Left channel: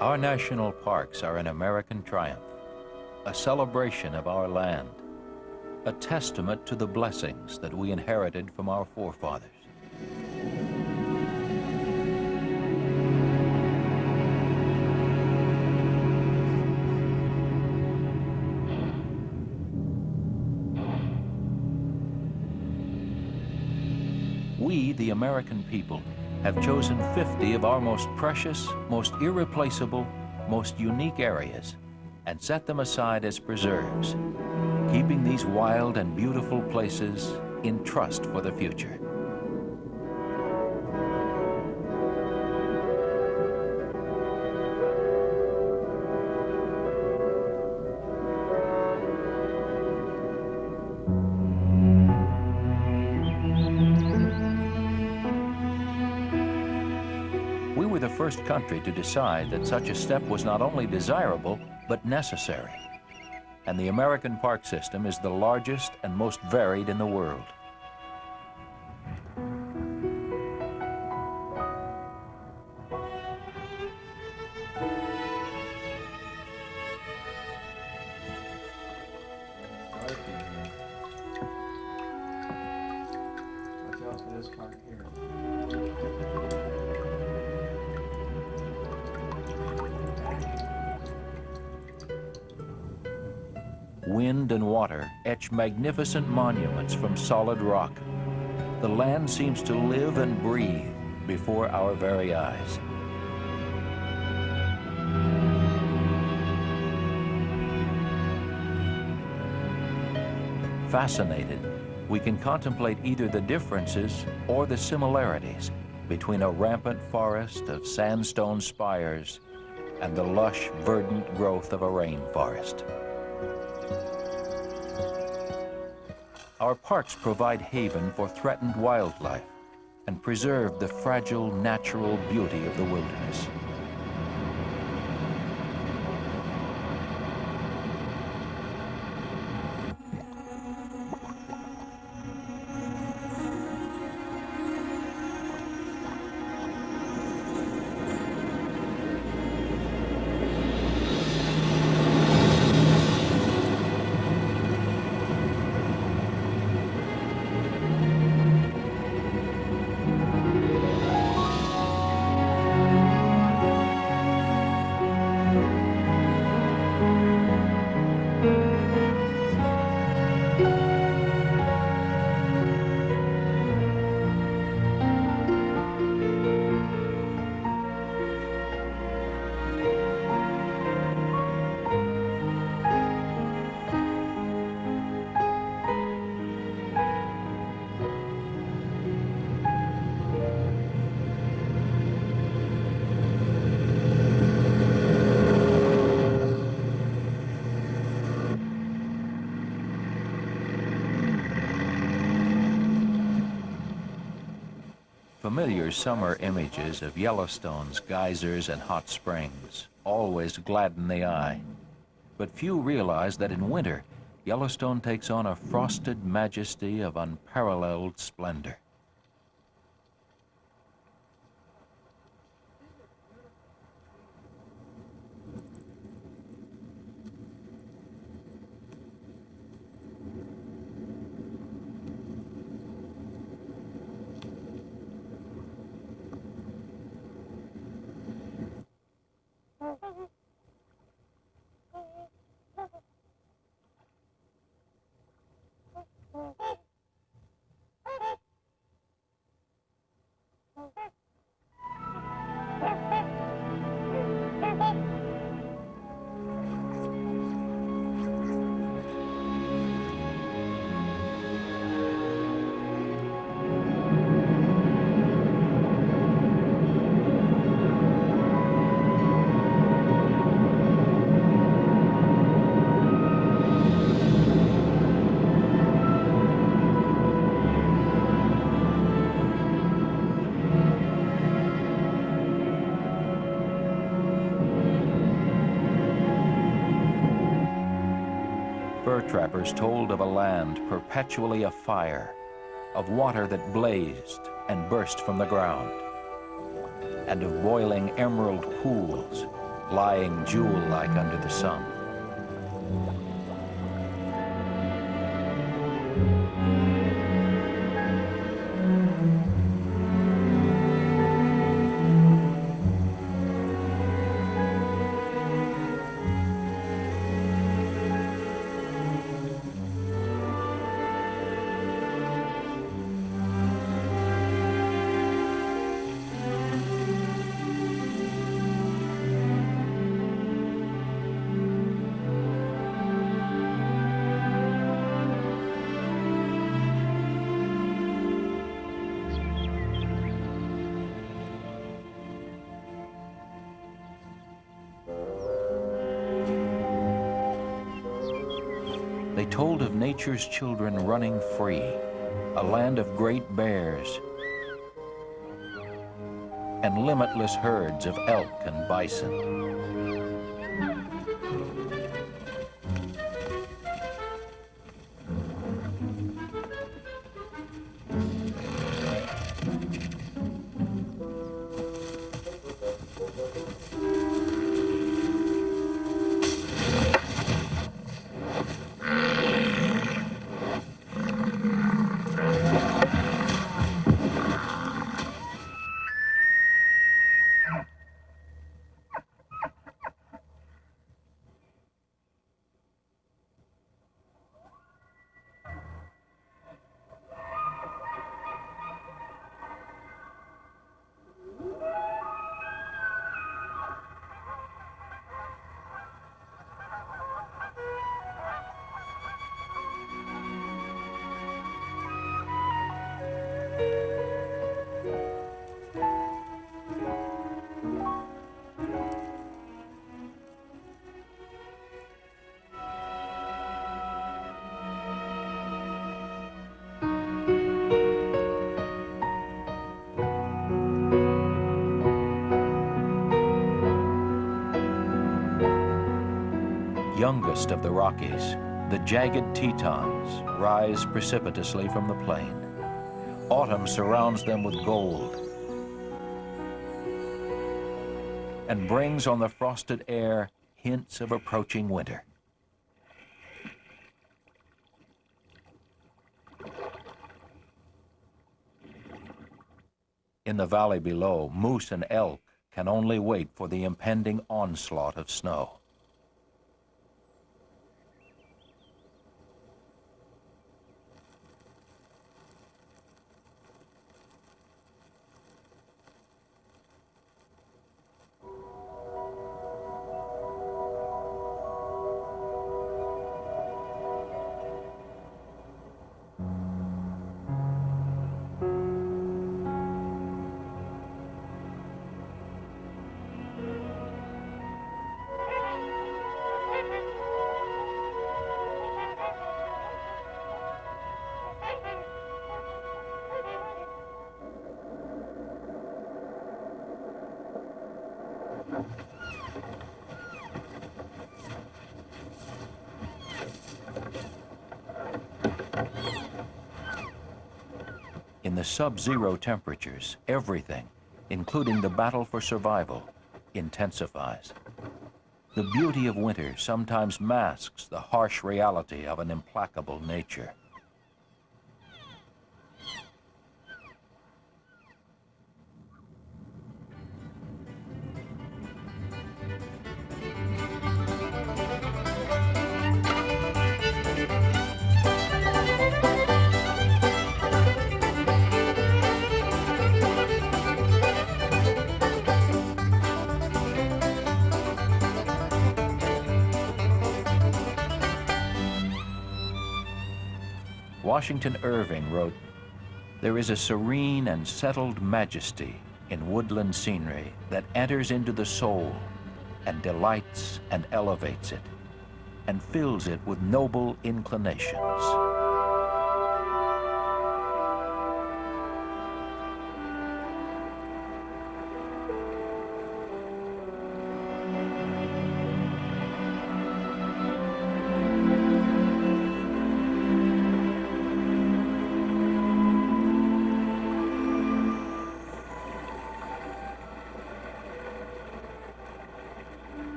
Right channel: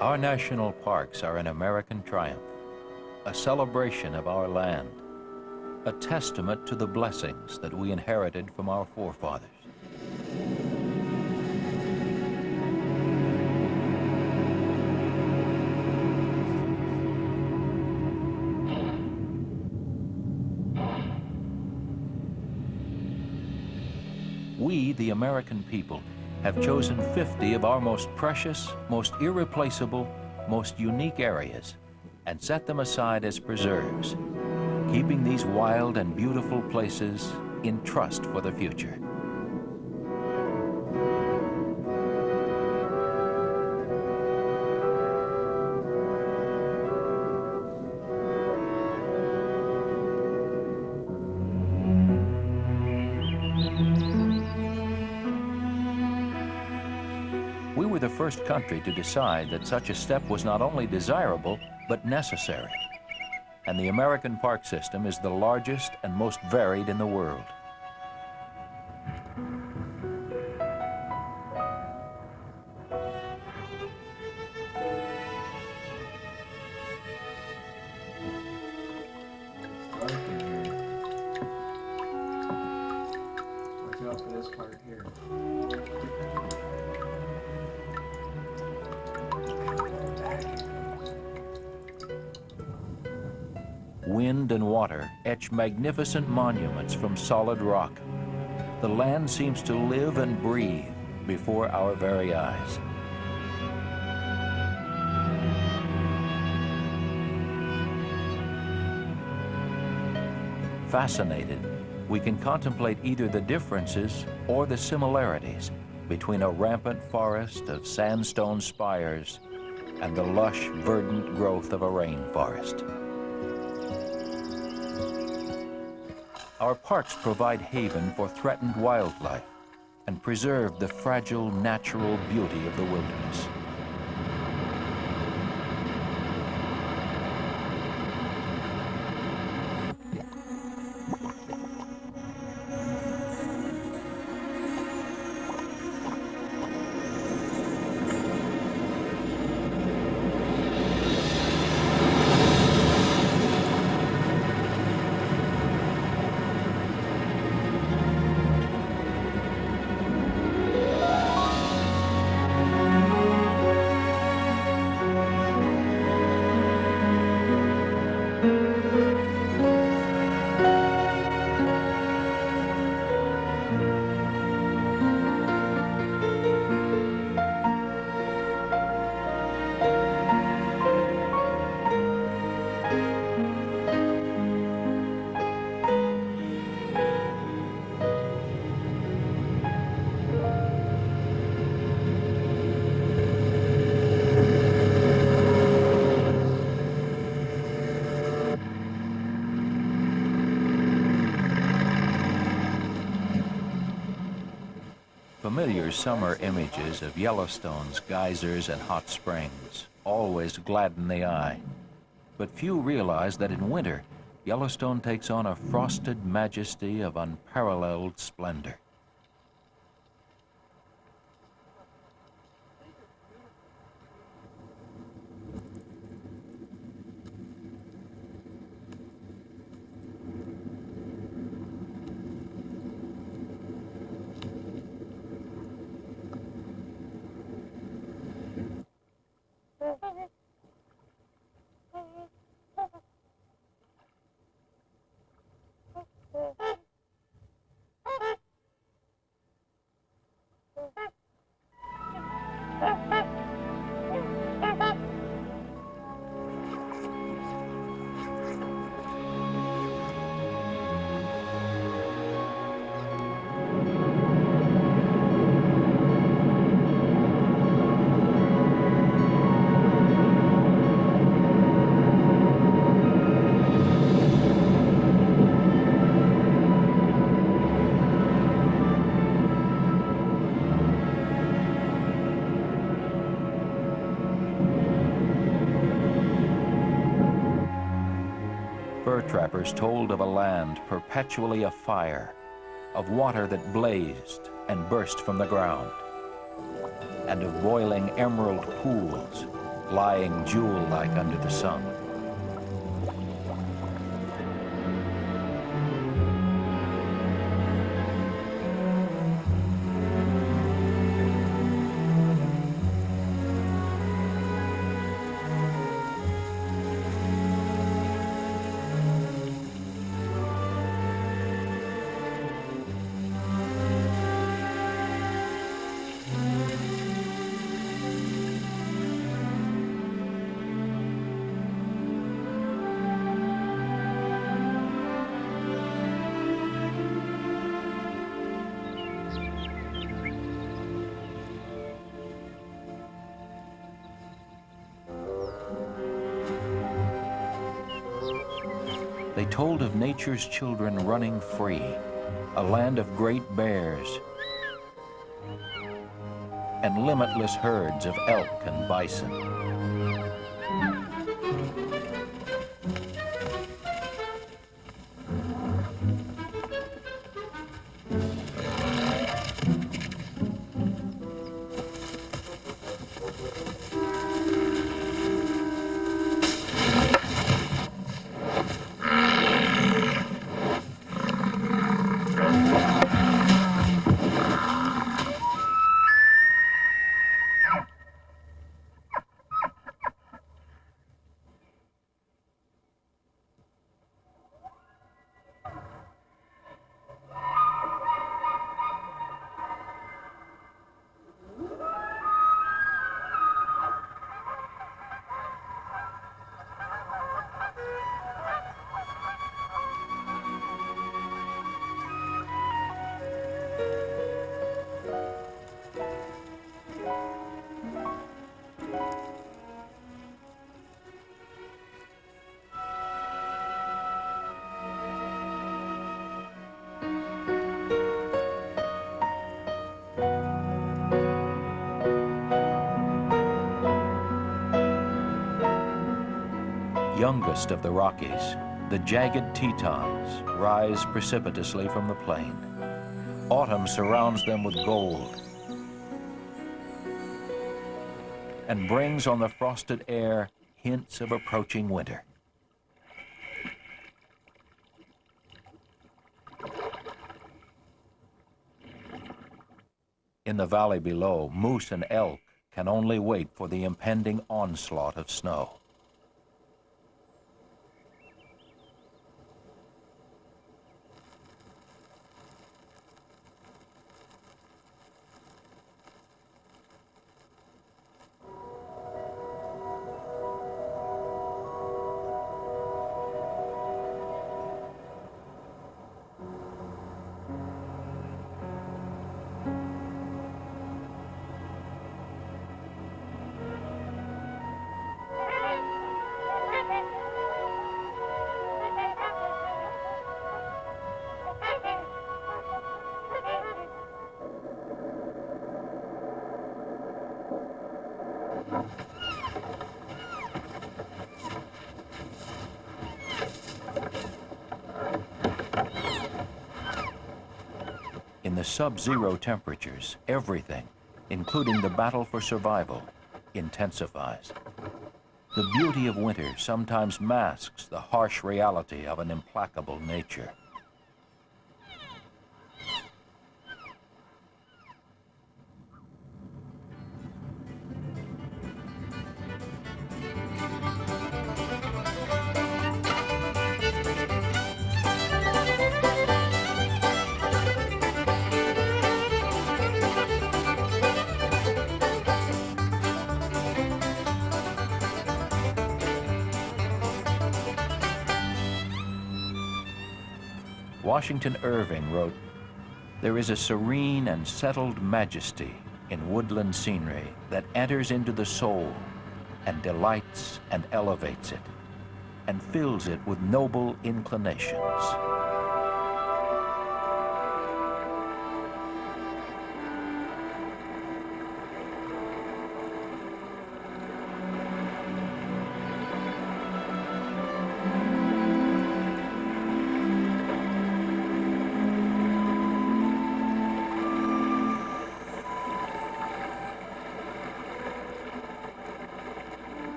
Our national parks are an American triumph, a celebration of our land, a testament to the blessings that we inherited from our forefathers. We, the American people, have chosen 50 of our most precious, most irreplaceable, most unique areas and set them aside as preserves, keeping these wild and beautiful places in trust for the future. We were the first country to decide that such a step was not only desirable, but necessary. And the American park system is the largest and most varied in the world. Dark in here. Watch out for this part here. Wind and water etch magnificent monuments from solid rock. The land seems to live and breathe before our very eyes. Fascinated, we can contemplate either the differences or the similarities between a rampant forest of sandstone spires and the lush, verdant growth of a rainforest. Our parks provide haven for threatened wildlife and preserve the fragile natural beauty of the wilderness. Familiar summer images of Yellowstone's geysers and hot springs always gladden the eye. But few realize that in winter, Yellowstone takes on a frosted majesty of unparalleled splendor. Fur trappers told of a land perpetually afire, of water that blazed and burst from the ground, and of boiling emerald pools lying jewel-like under the sun. They told of nature's children running free, a land of great bears, and limitless herds of elk and bison. Youngest of the Rockies, the jagged Tetons rise precipitously from the plain. Autumn surrounds them with gold and brings on the frosted air hints of approaching winter. In the valley below, moose and elk can only wait for the impending onslaught of snow. In the sub-zero temperatures, everything, including the battle for survival, intensifies. The beauty of winter sometimes masks the harsh reality of an implacable nature. Washington Irving wrote, "There is a serene and settled majesty in woodland scenery that enters into the soul and delights and elevates it and fills it with noble inclinations."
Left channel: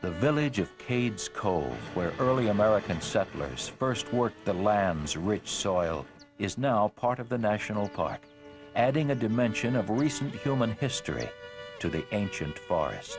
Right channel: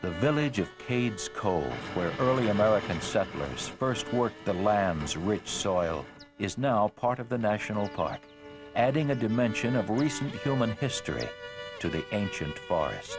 The village of Cades Cove, where early American settlers first worked the land's rich soil, is now part of the national park, adding a dimension of recent human history to the ancient forest.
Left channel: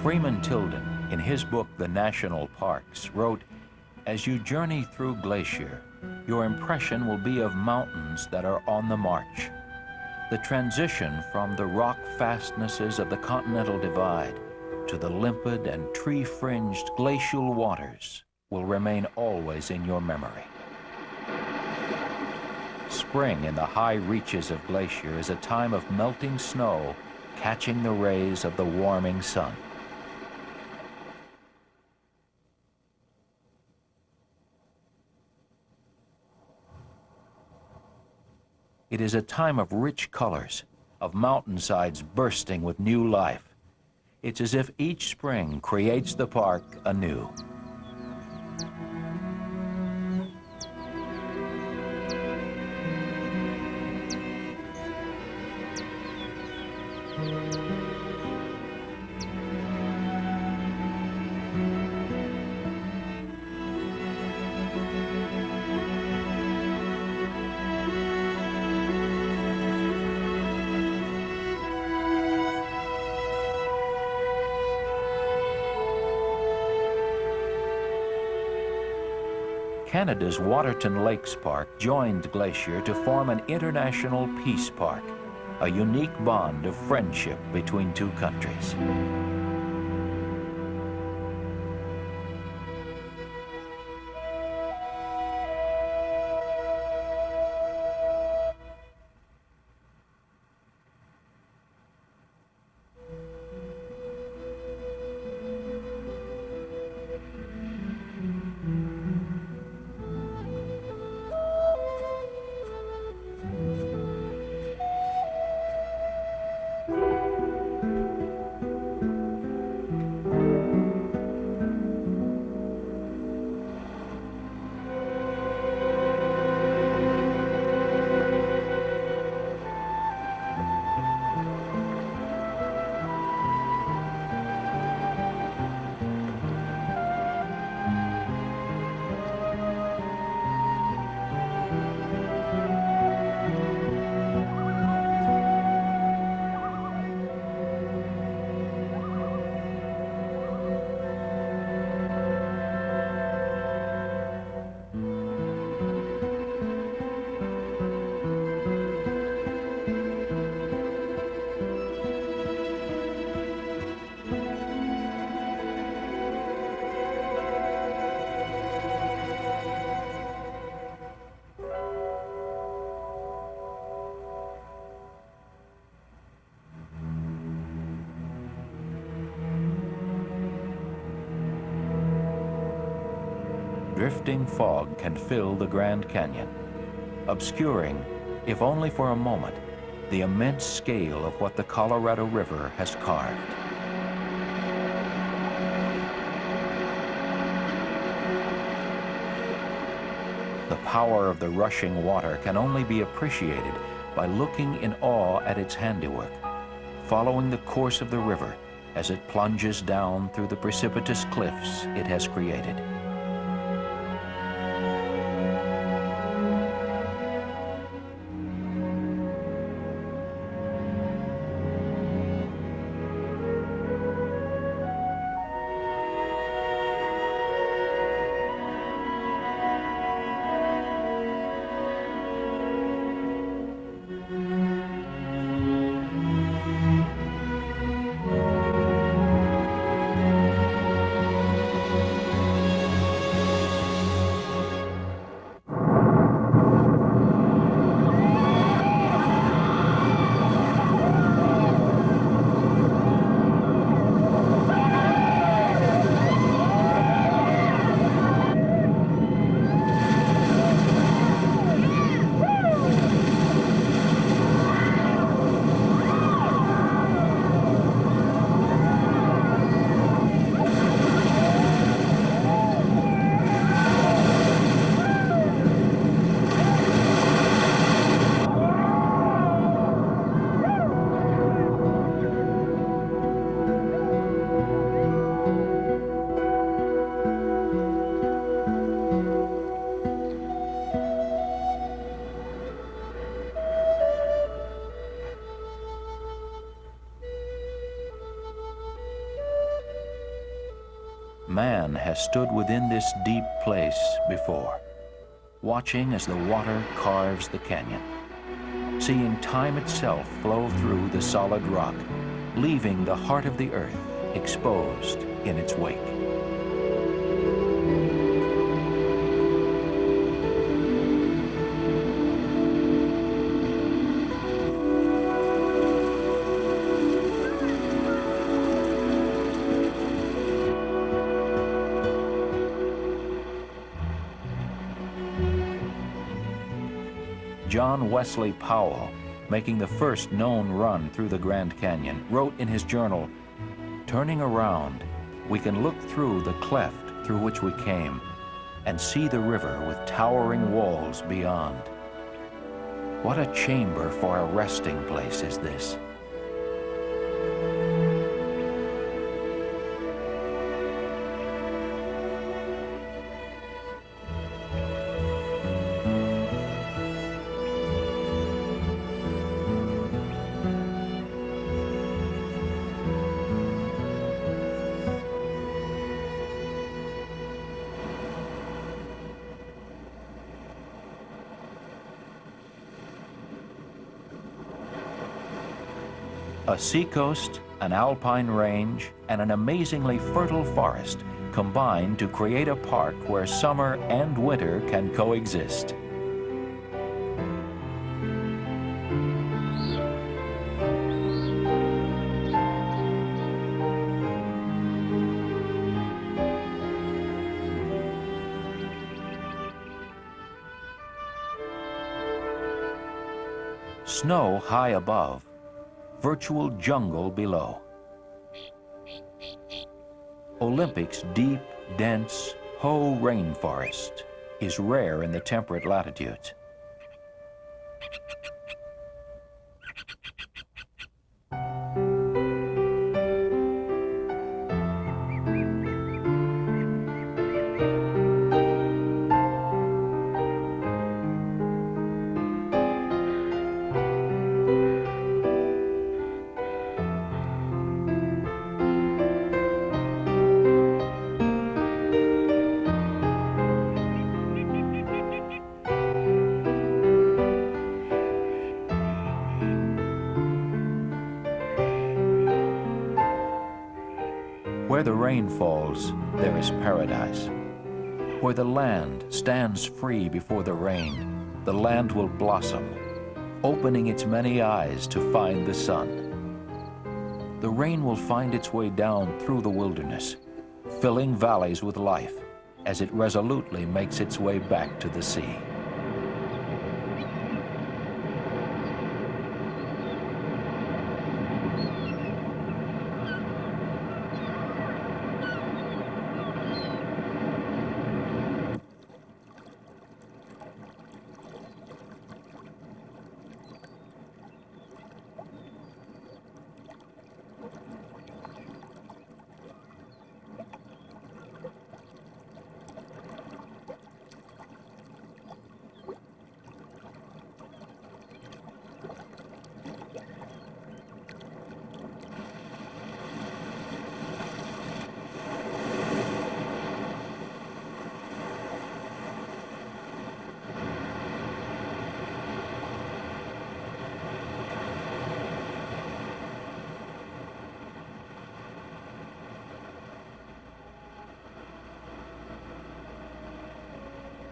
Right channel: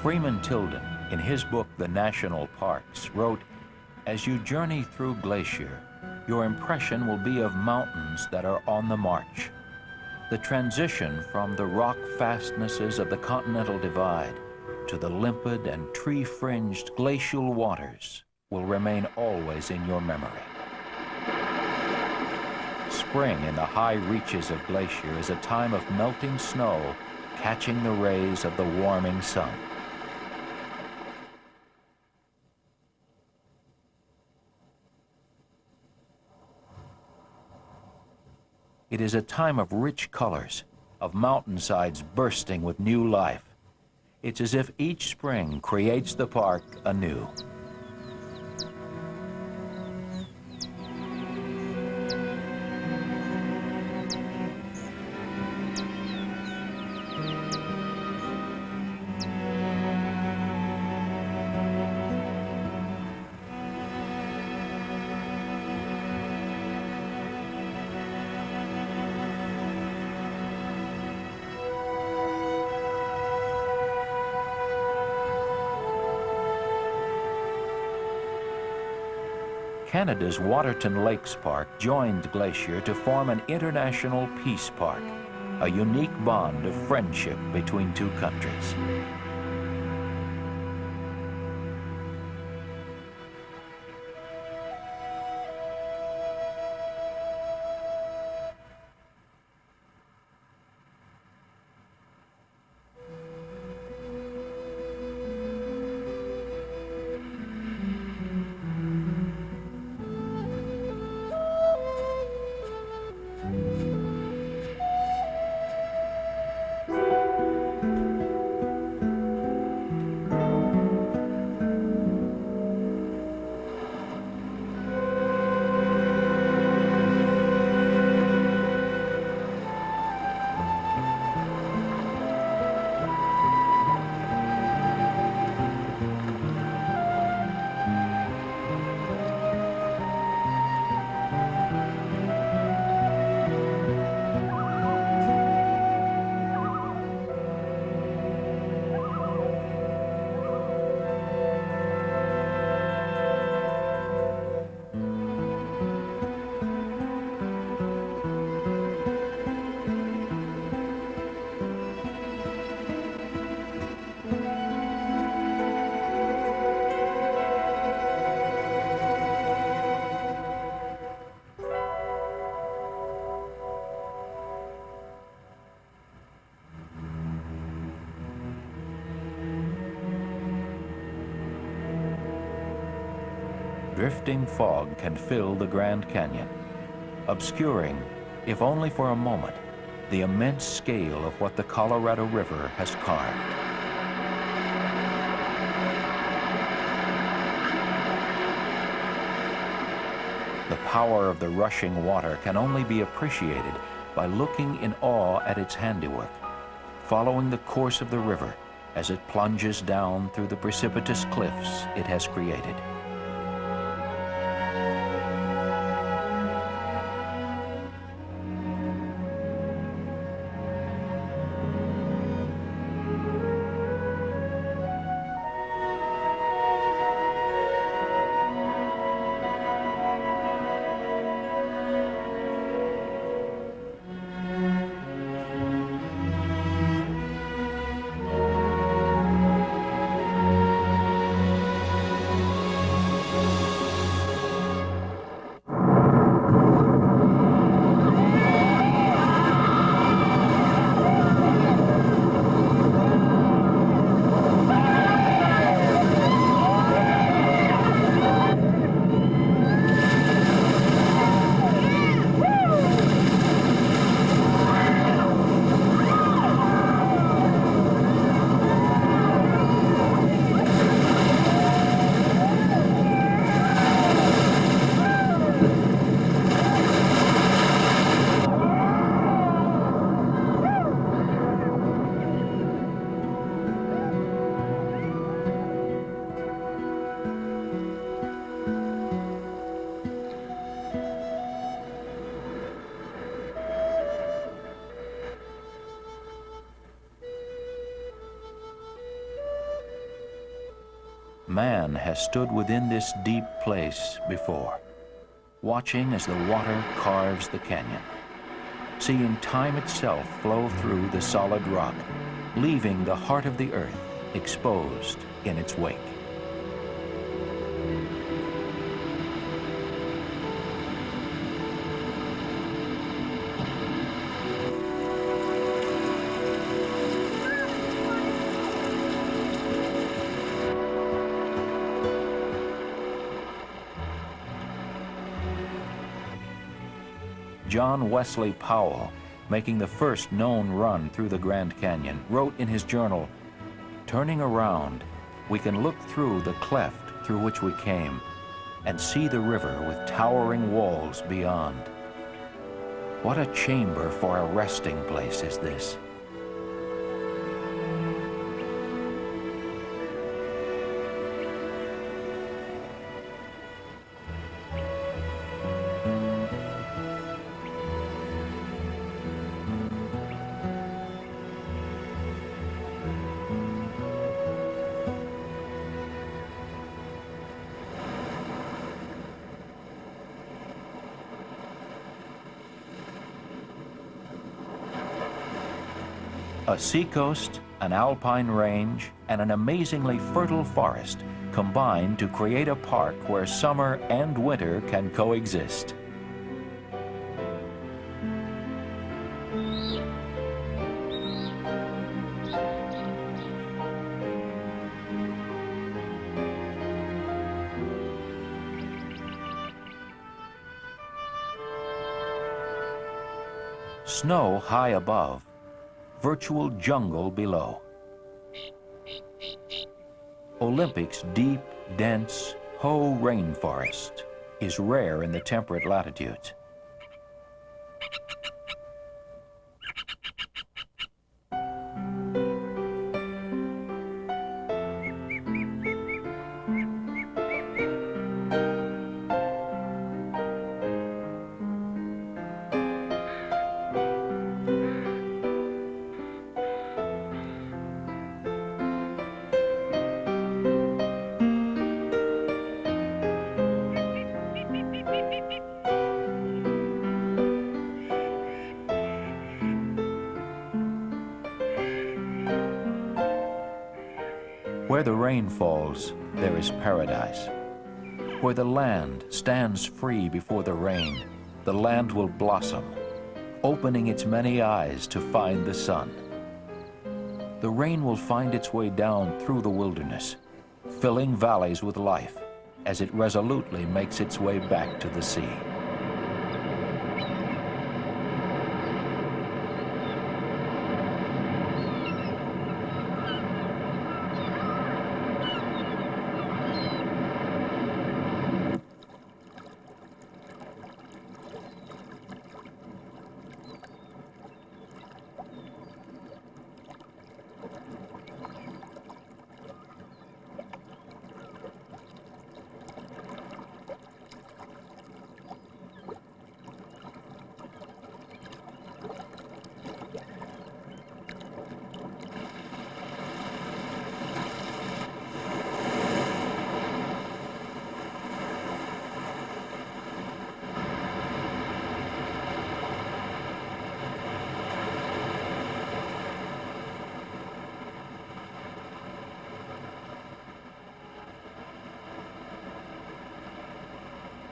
Freeman Tilden, in his book, The National Parks, wrote, "As you journey through Glacier, your impression will be of mountains that are on the march. The transition from the rock fastnesses of the Continental Divide to the limpid and tree-fringed glacial waters will remain always in your memory." Spring in the high reaches of Glacier is a time of melting snow catching the rays of the warming sun. It is a time of rich colors, of mountainsides bursting with new life. It's as if each spring creates the park anew. Canada's Waterton Lakes Park joined Glacier to form an international peace park, a unique bond of friendship between two countries. Drifting fog can fill the Grand Canyon, obscuring, if only for a moment, the immense scale of what the Colorado River has carved. The power of the rushing water can only be appreciated by looking in awe at its handiwork, following the course of the river as it plunges down through the precipitous cliffs it has created. man has stood within this deep place before, watching as the water carves the canyon, seeing time itself flow through the solid rock, leaving the heart of the earth exposed in its wake. John Wesley Powell, making the first known run through the Grand Canyon, wrote in his journal, "Turning around, we can look through the cleft through which we came and see the river with towering walls beyond. What a chamber for a resting place is this." A seacoast, an alpine range, and an amazingly fertile forest combine to create a park where summer and winter can coexist. Snow high above, virtual jungle below. Olympic's deep, dense Hoh rainforest is rare in the temperate latitudes. Where the rain falls, there is paradise. Where the land stands free before the rain, the land will blossom, opening its many eyes to find the sun. The rain will find its way down through the wilderness, filling valleys with life as it resolutely makes its way back to the sea.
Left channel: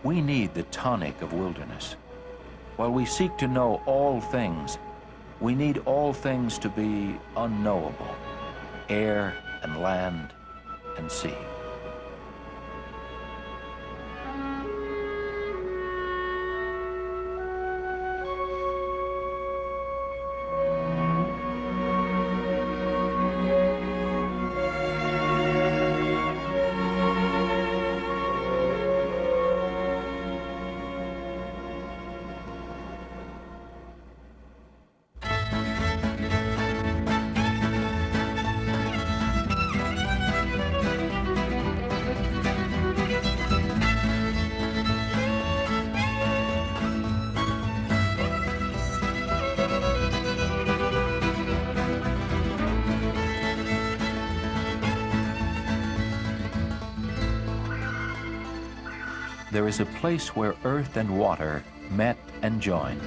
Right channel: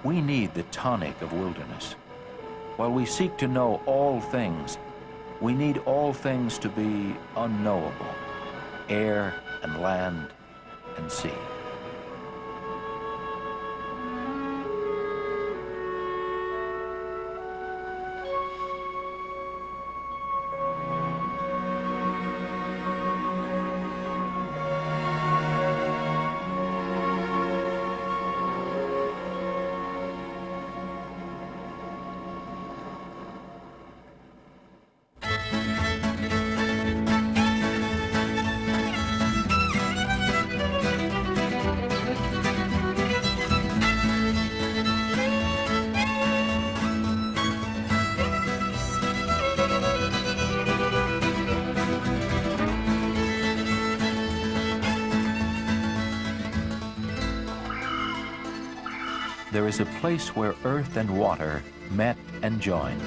We need the tonic of wilderness. While we seek to know all things, we need all things to be unknowable: air and land and sea. there is a place where earth and water met and joined.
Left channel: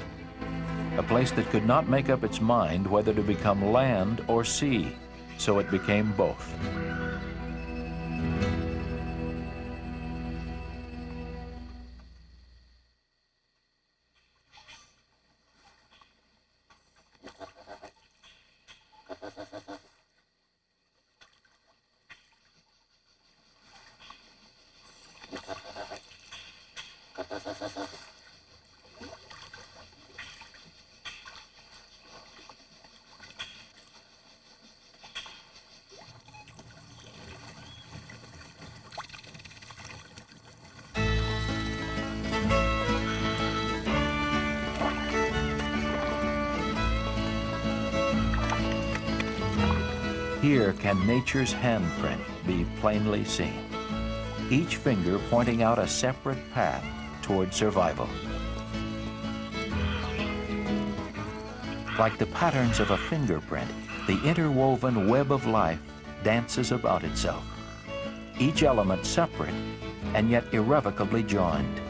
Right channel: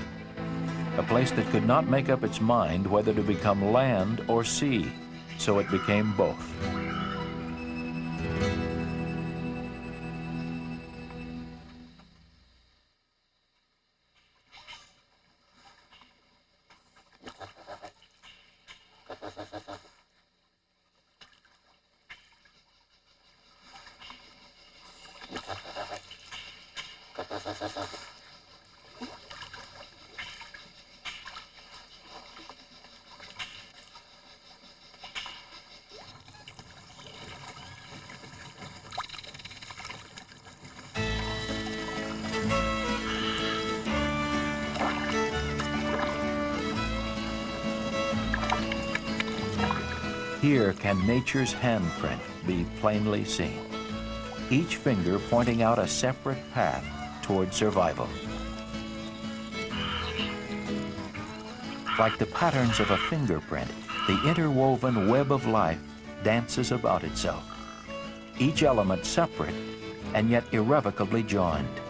A place that could not make up its mind whether to become land or sea, so it became both. Here can nature's handprint be plainly seen, each finger pointing out a separate path toward survival. Like the patterns of a fingerprint, the interwoven web of life dances about itself, each element separate and yet irrevocably joined.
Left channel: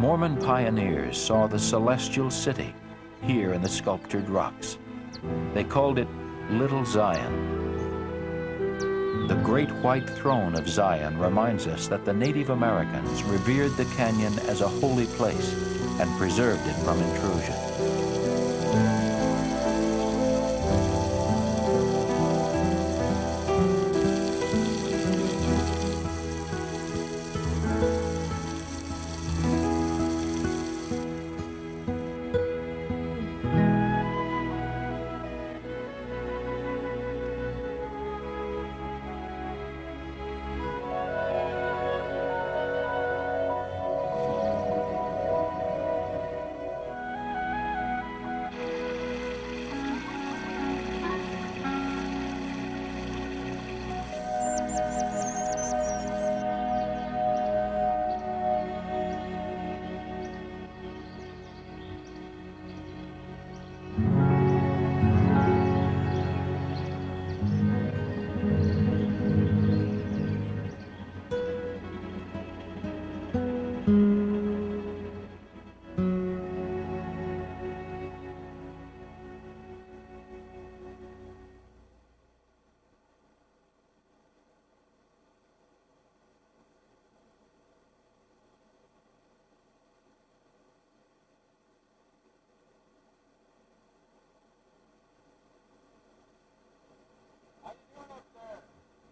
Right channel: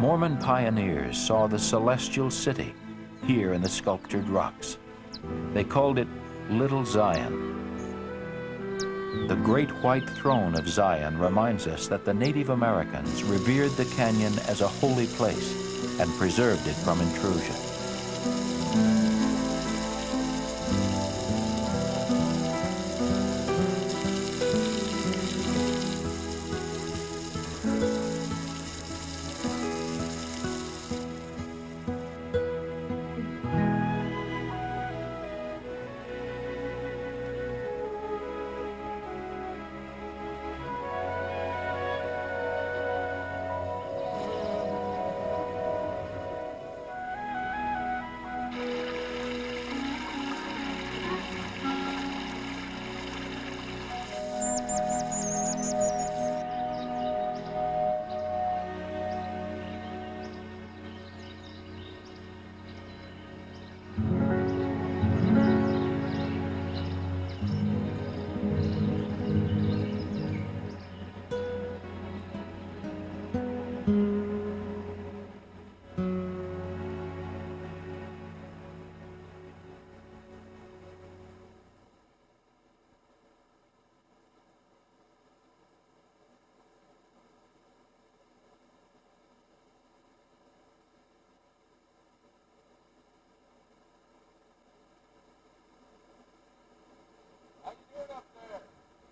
Mormon pioneers saw the celestial city here in the sculptured rocks. They called it Little Zion. The great white throne of Zion reminds us that the Native Americans revered the canyon as a holy place and preserved it from intrusion.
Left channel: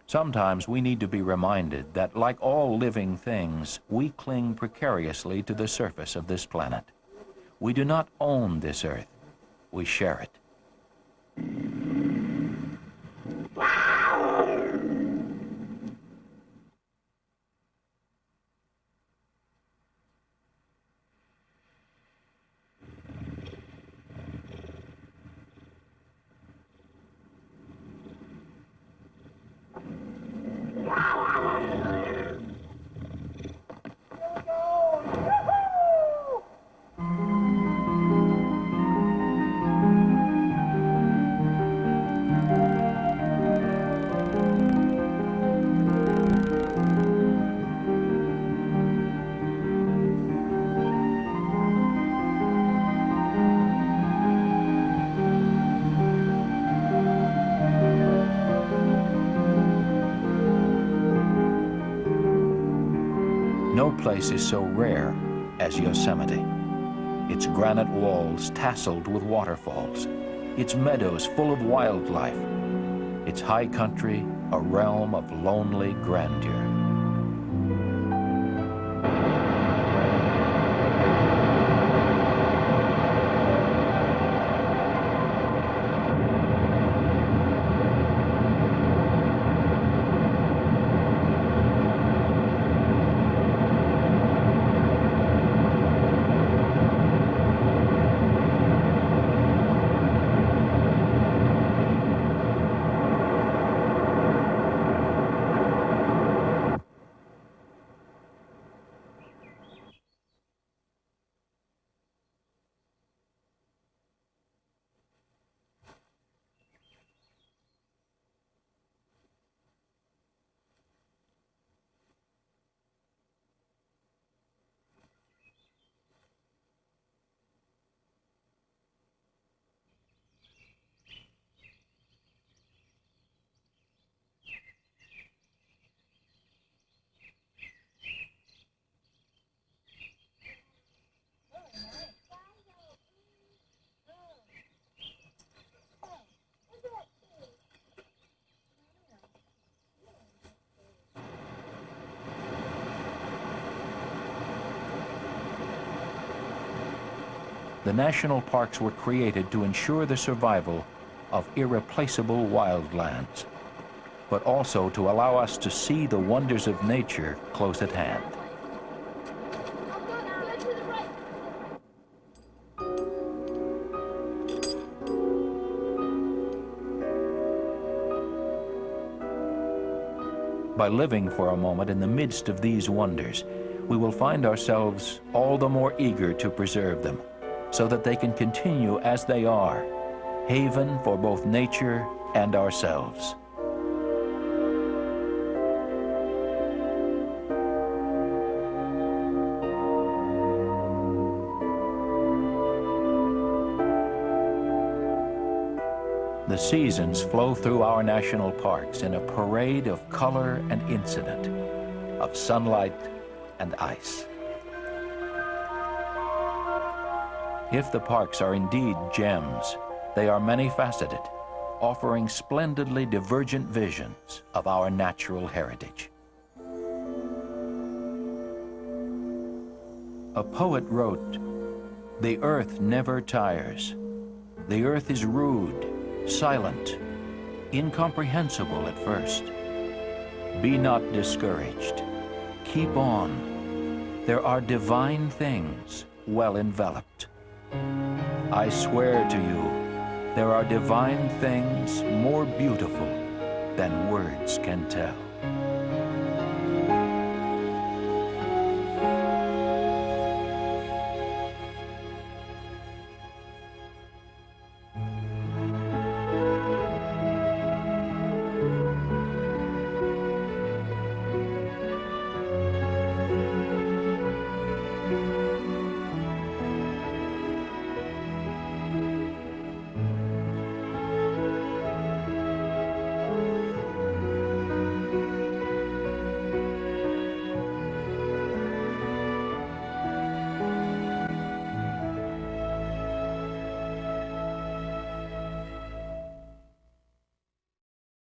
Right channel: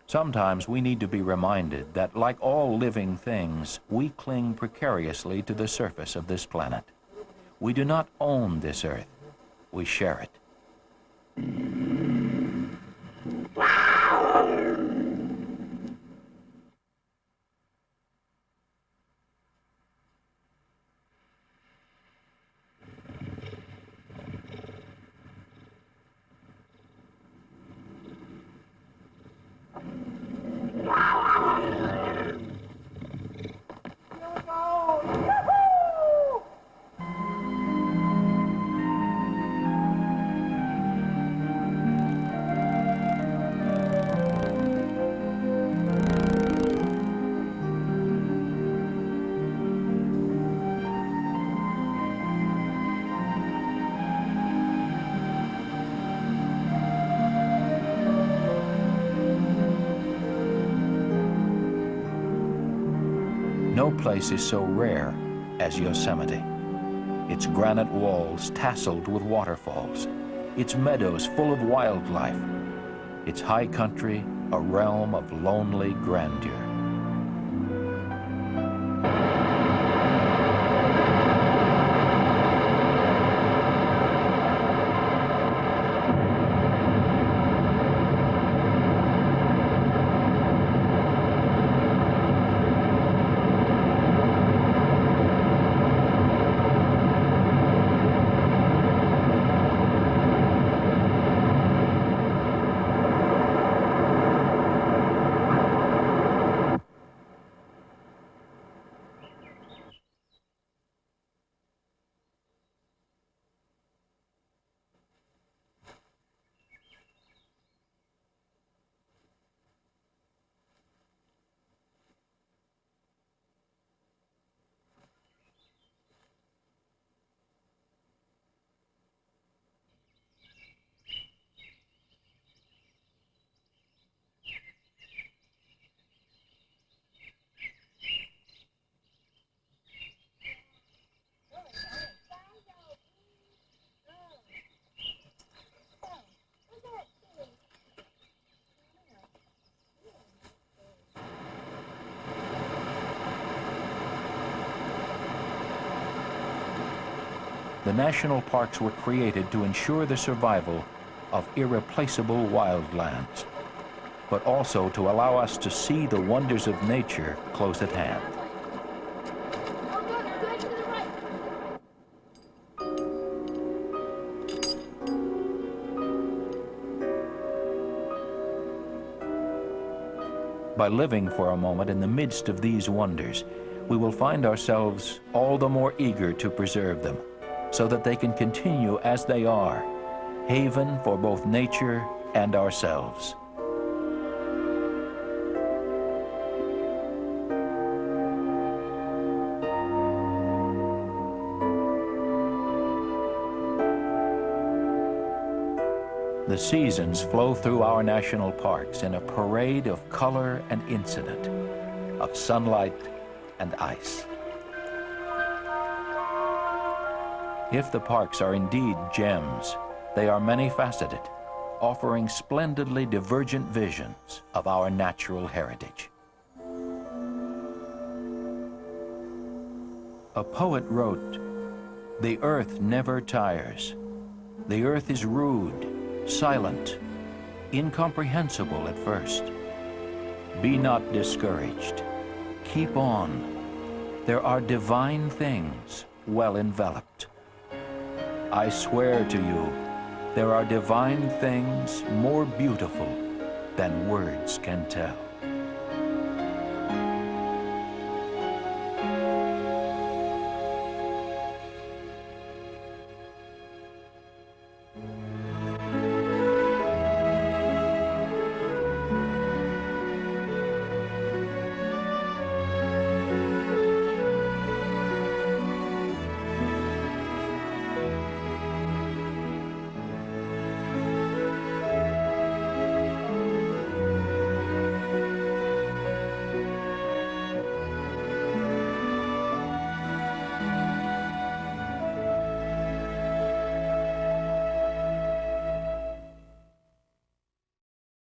Sometimes we need to be reminded that, like all living things, we cling precariously to the surface of this planet. We do not own this earth, we share it. No place is so rare as Yosemite. Its granite walls tasseled with waterfalls, its meadows full of wildlife, its high country a realm of lonely grandeur. The national parks were created to ensure the survival of irreplaceable wildlands, but also to allow us to see the wonders of nature close at hand. By living for a moment in the midst of these wonders, we will find ourselves all the more eager to preserve them, so that they can continue as they are, haven for both nature and ourselves. The seasons flow through our national parks in a parade of color and incident, of sunlight and ice. If the parks are indeed gems, they are many-faceted, offering splendidly divergent visions of our natural heritage. A poet wrote, "The earth never tires. The earth is rude, silent, incomprehensible at first. Be not discouraged. Keep on. There are divine things well enveloped. I swear to you, there are divine things more beautiful than words can tell."